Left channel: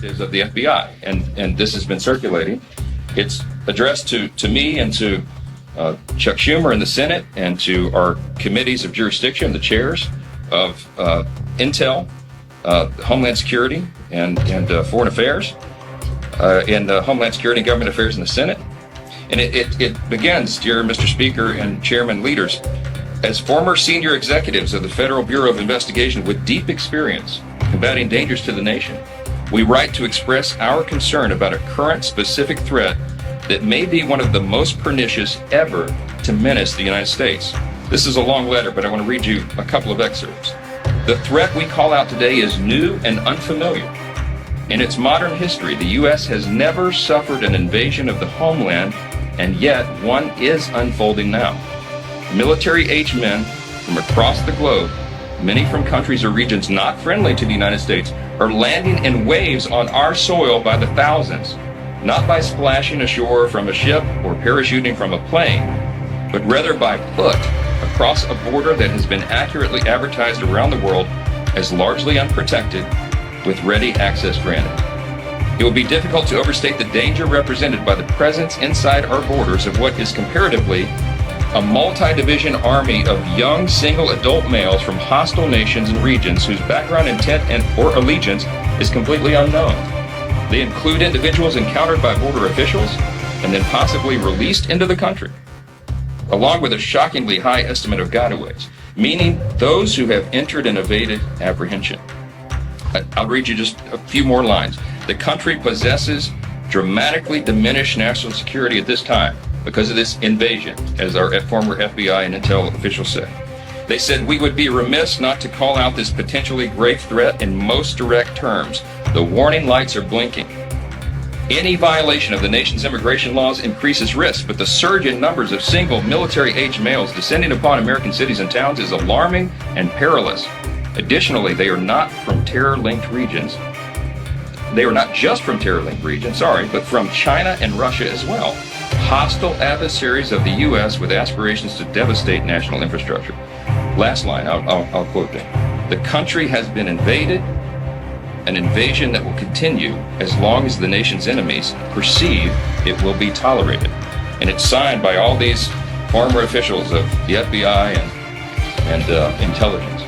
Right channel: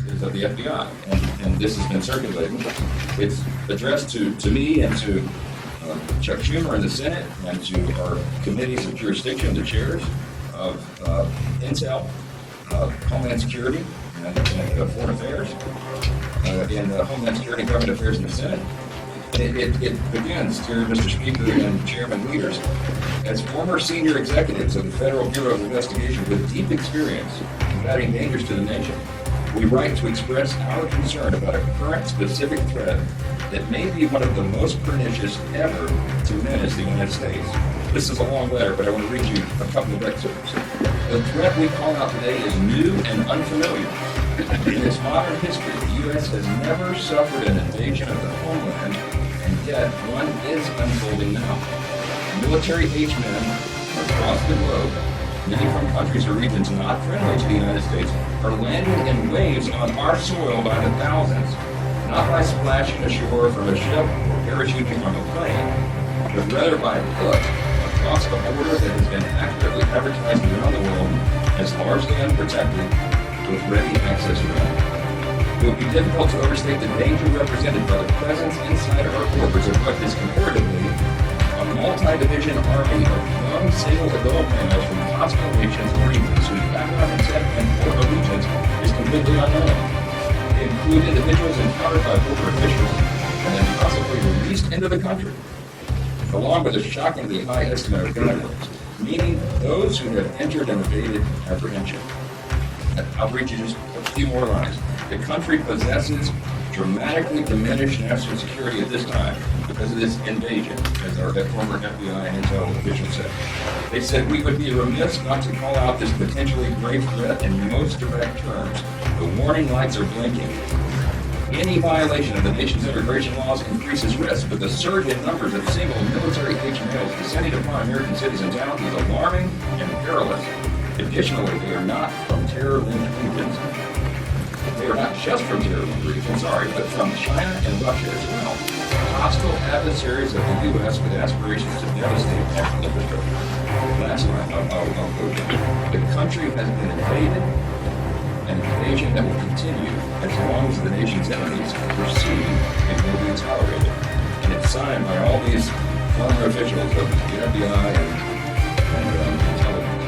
directives of the FBI, and this has been circulating. It's addressed to me and to Chuck Schumer in the Senate and to our committees of jurisdiction, the chairs of Intel, Homeland Security, and Foreign Affairs, and Homeland Security and Government Affairs in the Senate. And it begins, dear Mr. Speaker and Chairman leaders, as former senior executives of the Federal Bureau of Investigation with deep experience combating dangers to the nation, we write to express our concern about a current specific threat that may be one of the most pernicious ever to menace the United States. This is a long letter, but I want to read you a couple of excerpts. The threat we call out today is new and unfamiliar. In its modern history, the U.S. has never suffered an invasion of the homeland, and yet one is unfolding now. Military-aged men from across the globe, many from countries or regions not friendly to the United States, are landing in waves on our soil by the thousands, not by splashing ashore from a ship or parachuting from a plane, but rather by foot across a border that has been accurately advertised around the world as largely unprotected, with ready access granted. It would be difficult to overstate the danger represented by the presence inside our borders of what is comparatively a multi-division army of young single adult males from hostile nations and regions whose background, intent, or allegiance is completely unknown. They include individuals encountered by border officials and then possibly released into the country, along with a shockingly high estimate of gotaways, meaning those who have entered and evaded apprehension. I'll read you just a few more lines. The country possesses dramatically diminished national security at this time because of this invasion, as our former FBI and Intel officials said. They said we would be remiss not to call out this potentially grave threat in most direct terms. The warning lights are blinking. Any violation of the nation's immigration laws increases risk, but the surge in numbers of single military-aged males descending upon American cities and towns is alarming and perilous. Additionally, they are not from terror-linked regions. They are not just from terror-linked regions, but from China and Russia as well. Hostile adversaries of the U.S. with aspirations to devastate national infrastructure. Last line, I'll quote it. The country has been invaded, an invasion that will continue as long as the nation's enemies perceive it will be tolerated. And it's signed by all these former officials of the FBI and intelligence.